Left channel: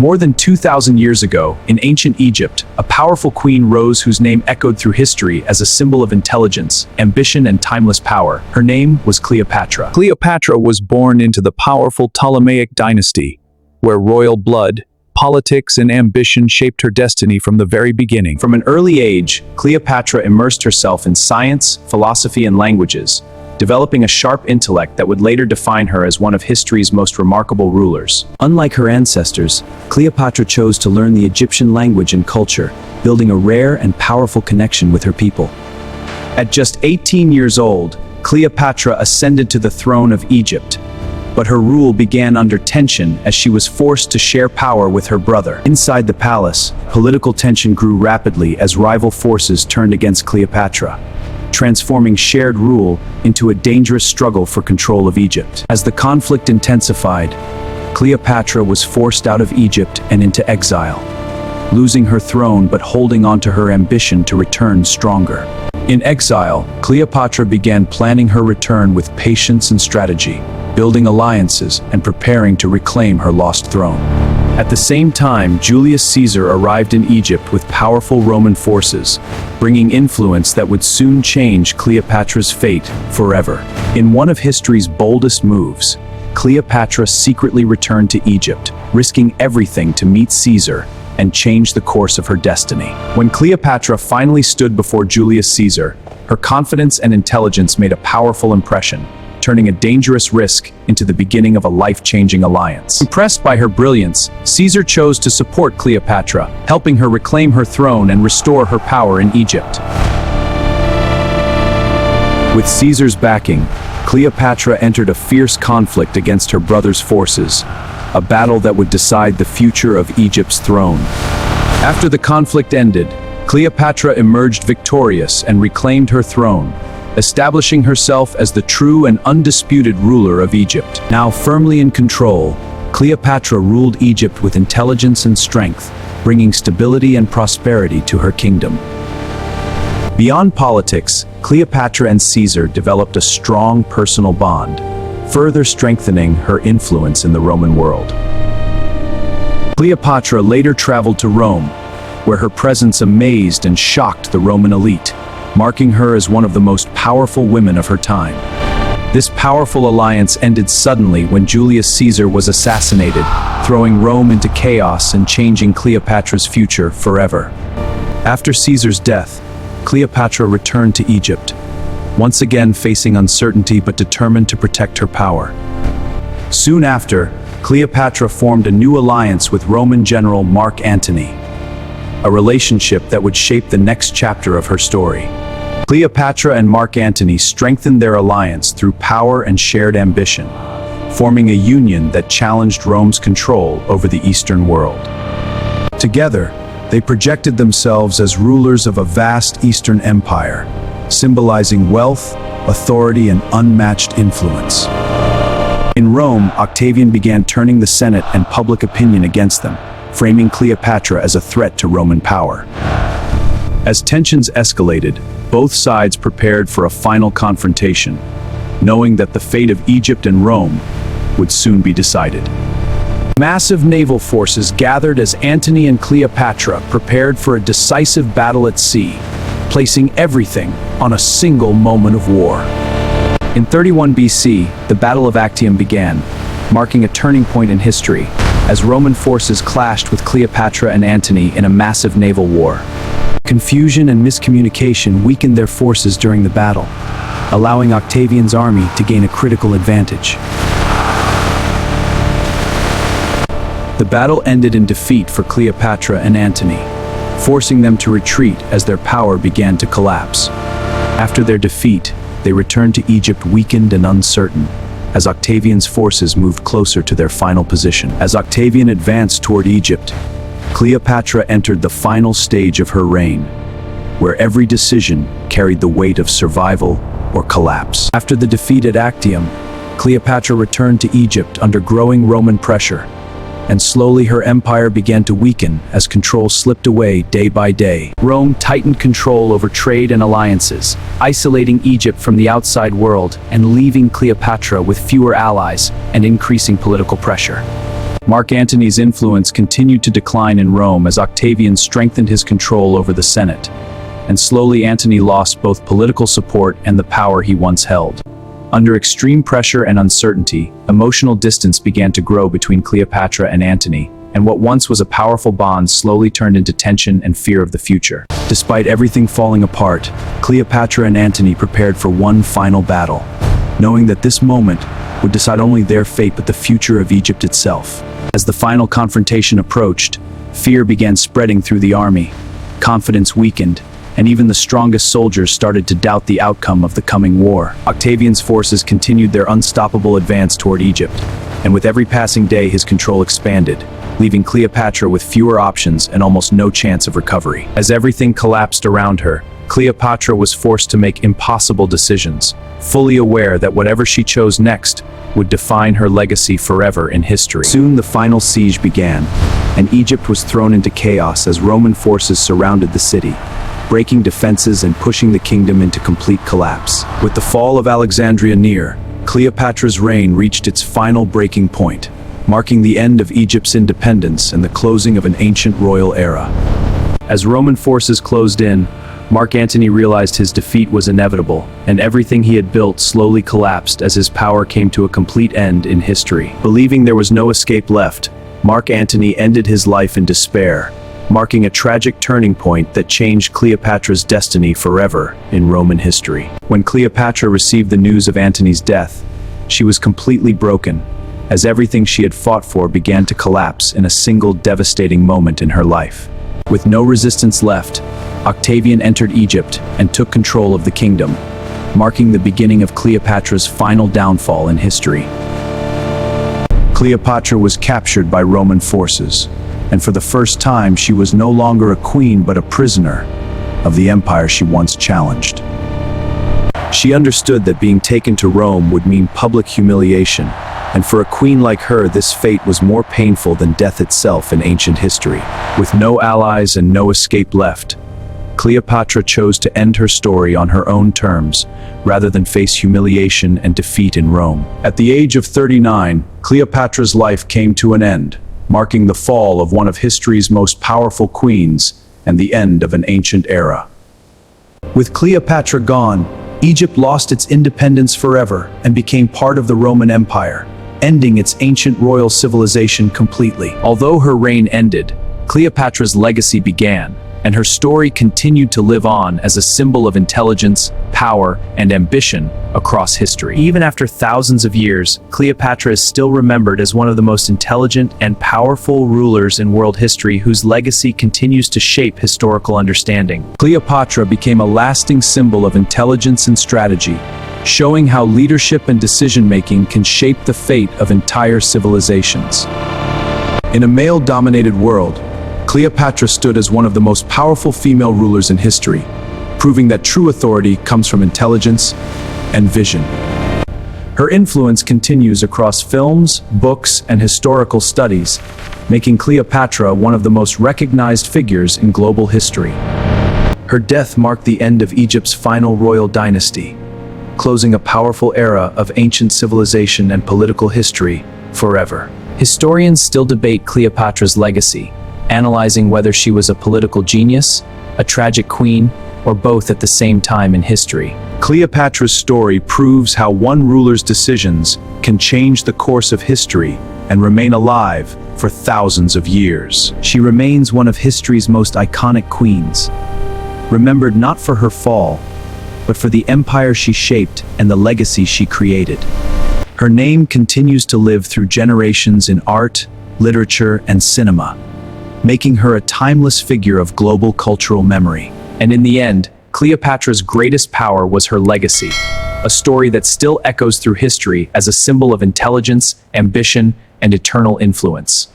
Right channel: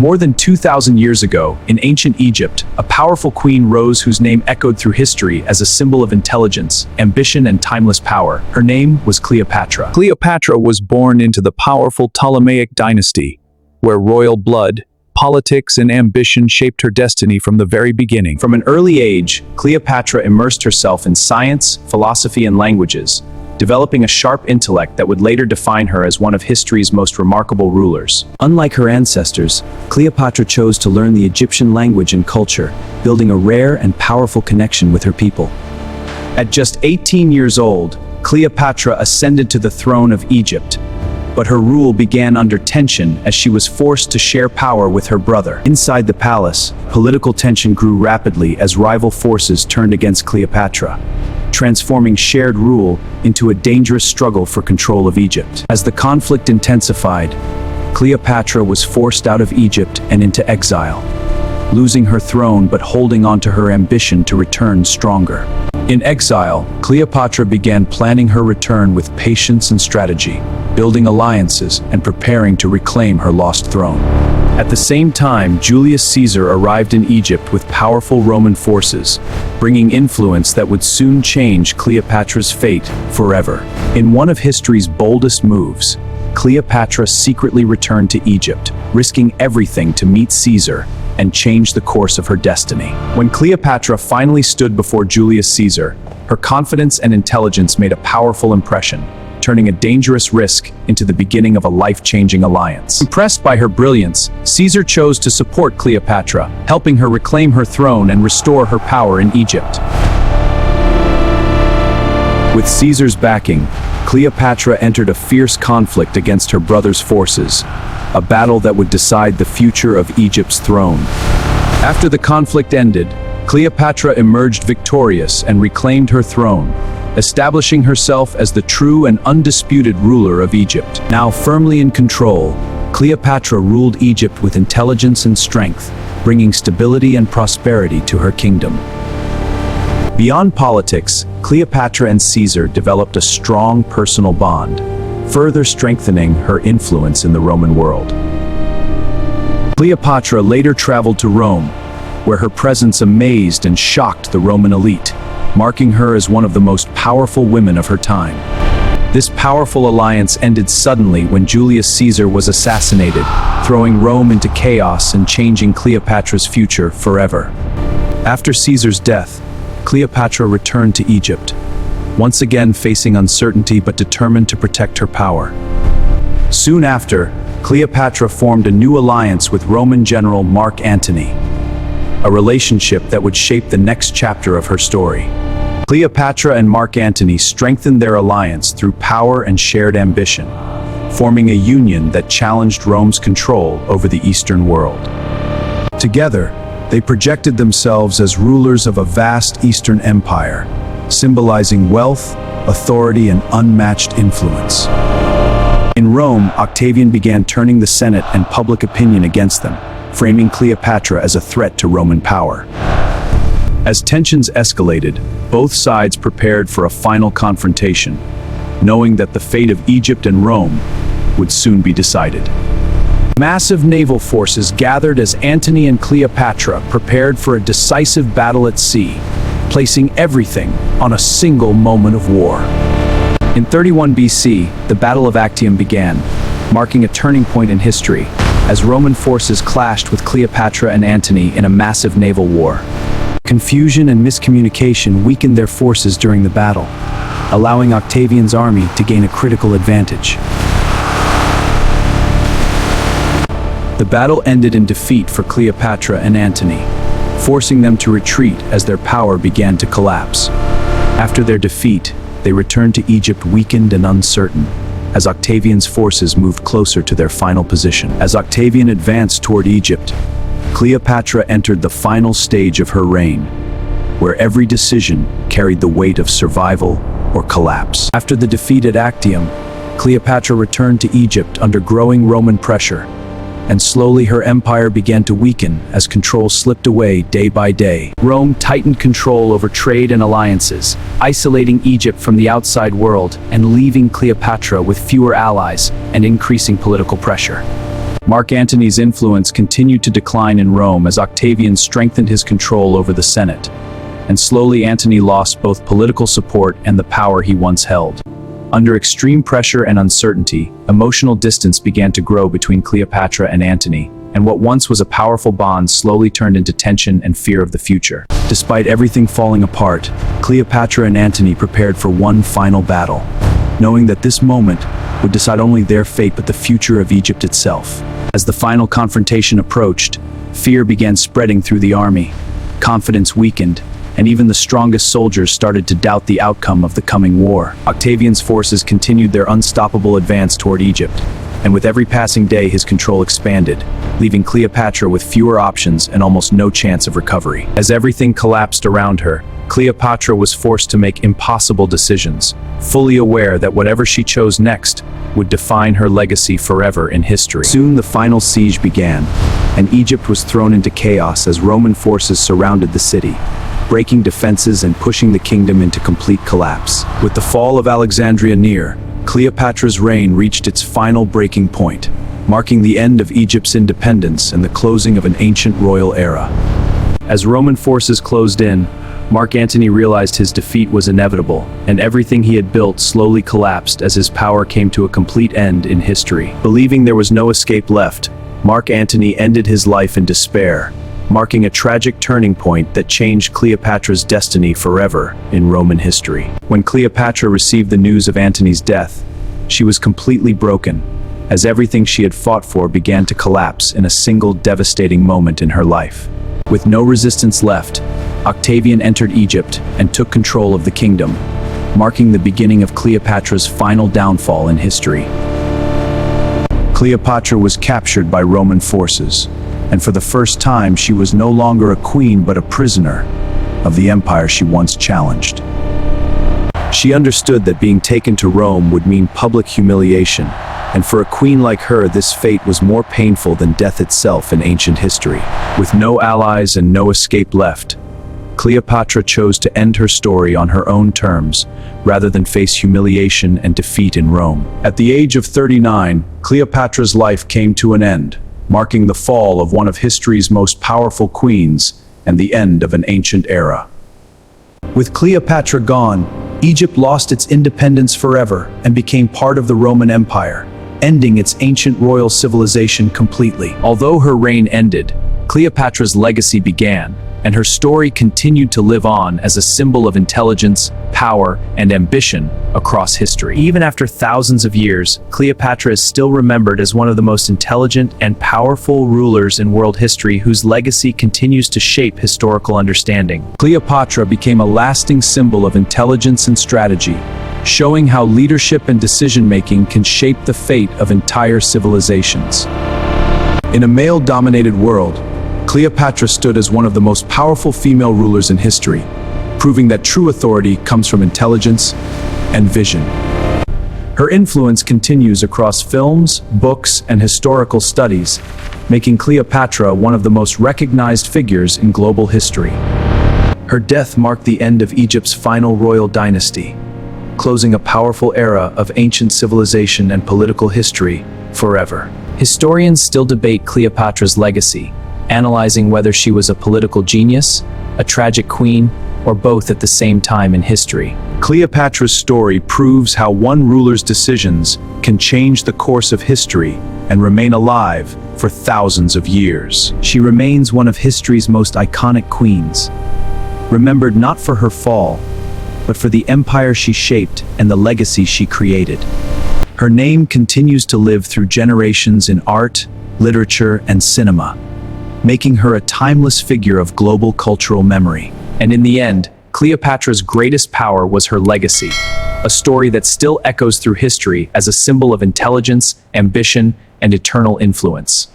More than 2,000 years ago, in ancient Egypt, a powerful queen rose whose name echoed through history as a symbol of intelligence, ambition, and timeless power. Her name was Cleopatra. Cleopatra was born into the powerful Ptolemaic dynasty, where royal blood, politics, and ambition shaped her destiny from the very beginning. From an early age, Cleopatra immersed herself in science, philosophy, and languages, developing a sharp intellect that would later define her as one of history's most remarkable rulers. Unlike her ancestors, Cleopatra chose to learn the Egyptian language and culture, building a rare and powerful connection with her people. At just 18 years old, Cleopatra ascended to the throne of Egypt, but her rule began under tension as she was forced to share power with her brother. Inside the palace, political tension grew rapidly as rival forces turned against Cleopatra, transforming shared rule into a dangerous struggle for control of Egypt. As the conflict intensified, Cleopatra was forced out of Egypt and into exile, losing her throne but holding on to her ambition to return stronger. In exile, Cleopatra began planning her return with patience and strategy, building alliances and preparing to reclaim her lost throne. At the same time, Julius Caesar arrived in Egypt with powerful Roman forces, bringing influence that would soon change Cleopatra's fate forever. In one of history's boldest moves, Cleopatra secretly returned to Egypt, risking everything to meet Caesar and change the course of her destiny. When Cleopatra finally stood before Julius Caesar, her confidence and intelligence made a powerful impression, turning a dangerous risk into the beginning of a life-changing alliance. Impressed by her brilliance, Caesar chose to support Cleopatra, helping her reclaim her throne and restore her power in Egypt. With Caesar's backing, Cleopatra entered a fierce conflict against her brother's forces, a battle that would decide the future of Egypt's throne. After the conflict ended, Cleopatra emerged victorious and reclaimed her throne, establishing herself as the true and undisputed ruler of Egypt. Now firmly in control, Cleopatra ruled Egypt with intelligence and strength, bringing stability and prosperity to her kingdom. Beyond politics, Cleopatra and Caesar developed a strong personal bond, further strengthening her influence in the Roman world. Cleopatra later traveled to Rome, where her presence amazed and shocked the Roman elite, marking her as one of the most powerful women of her time. This powerful alliance ended suddenly when Julius Caesar was assassinated, throwing Rome into chaos and changing Cleopatra's future forever. After Caesar's death, Cleopatra returned to Egypt, once again facing uncertainty but determined to protect her power. Soon after, Cleopatra formed a new alliance with Roman general Mark Antony, a relationship that would shape the next chapter of her story. Cleopatra and Mark Antony strengthened their alliance through power and shared ambition, forming a union that challenged Rome's control over the Eastern world. Together, they projected themselves as rulers of a vast Eastern empire, symbolizing wealth, authority, and unmatched influence. In Rome, Octavian began turning the Senate and public opinion against them, framing Cleopatra as a threat to Roman power. As tensions escalated, both sides prepared for a final confrontation, knowing that the fate of Egypt and Rome would soon be decided. Massive naval forces gathered as Antony and Cleopatra prepared for a decisive battle at sea, placing everything on a single moment of war. In 31 BC, the Battle of Actium began, marking a turning point in history, as Roman forces clashed with Cleopatra and Antony in a massive naval war. Confusion and miscommunication weakened their forces during the battle, allowing Octavian's army to gain a critical advantage. The battle ended in defeat for Cleopatra and Antony, forcing them to retreat as their power began to collapse. After their defeat, they returned to Egypt weakened and uncertain, as Octavian's forces moved closer to their final position. As Octavian advanced toward Egypt, Cleopatra entered the final stage of her reign, where every decision carried the weight of survival or collapse. After the defeat at Actium, Cleopatra returned to Egypt under growing Roman pressure, and slowly her empire began to weaken as control slipped away day by day. Rome tightened control over trade and alliances, isolating Egypt from the outside world and leaving Cleopatra with fewer allies and increasing political pressure. Mark Antony's influence continued to decline in Rome as Octavian strengthened his control over the Senate, and slowly Antony lost both political support and the power he once held. Under extreme pressure and uncertainty, emotional distance began to grow between Cleopatra and Antony, and what once was a powerful bond slowly turned into tension and fear of the future. Despite everything falling apart, Cleopatra and Antony prepared for one final battle, knowing that this moment would decide only their fate but the future of Egypt itself. As the final confrontation approached, fear began spreading through the army. Confidence weakened, and even the strongest soldiers started to doubt the outcome of the coming war. Octavian's forces continued their unstoppable advance toward Egypt, and with every passing day his control expanded, leaving Cleopatra with fewer options and almost no chance of recovery. As everything collapsed around her, Cleopatra was forced to make impossible decisions, fully aware that whatever she chose next would define her legacy forever in history. Soon the final siege began, and Egypt was thrown into chaos as Roman forces surrounded the city, breaking defenses and pushing the kingdom into complete collapse. With the fall of Alexandria near, Cleopatra's reign reached its final breaking point, marking the end of Egypt's independence and the closing of an ancient royal era. As Roman forces closed in, Mark Antony realized his defeat was inevitable, and everything he had built slowly collapsed as his power came to a complete end in history. Believing there was no escape left, Mark Antony ended his life in despair, marking a tragic turning point that changed Cleopatra's destiny forever in Roman history. When Cleopatra received the news of Antony's death, she was completely broken, as everything she had fought for began to collapse in a single devastating moment in her life. With no resistance left, Octavian entered Egypt and took control of the kingdom, marking the beginning of Cleopatra's final downfall in history. Cleopatra was captured by Roman forces, and for the first time she was no longer a queen but a prisoner of the empire she once challenged. She understood that being taken to Rome would mean public humiliation, and for a queen like her this fate was more painful than death itself in ancient history. With no allies and no escape left, Cleopatra chose to end her story on her own terms, rather than face humiliation and defeat in Rome. At the age of 39, Cleopatra's life came to an end, marking the fall of one of history's most powerful queens and the end of an ancient era. With Cleopatra gone, Egypt lost its independence forever and became part of the Roman Empire, ending its ancient royal civilization completely. Although her reign ended, Cleopatra's legacy began, and her story continued to live on as a symbol of intelligence, power, and ambition across history. Even after thousands of years, Cleopatra is still remembered as one of the most intelligent and powerful rulers in world history whose legacy continues to shape historical understanding. Cleopatra became a lasting symbol of intelligence and strategy, showing how leadership and decision-making can shape the fate of entire civilizations. In a male-dominated world, Cleopatra stood as one of the most powerful female rulers in history, proving that true authority comes from intelligence and vision. Her influence continues across films, books, and historical studies, making Cleopatra one of the most recognized figures in global history. Her death marked the end of Egypt's final royal dynasty, closing a powerful era of ancient civilization and political history forever. Historians still debate Cleopatra's legacy, analyzing whether she was a political genius, a tragic queen, or both at the same time in history. Cleopatra's story proves how one ruler's decisions can change the course of history and remain alive for thousands of years. She remains one of history's most iconic queens, remembered not for her fall, but for the empire she shaped and the legacy she created. Her name continues to live through generations in art, literature, and cinema, making her a timeless figure of global cultural memory. And in the end, Cleopatra's greatest power was her legacy, a story that still echoes through history as a symbol of intelligence, ambition, and eternal influence.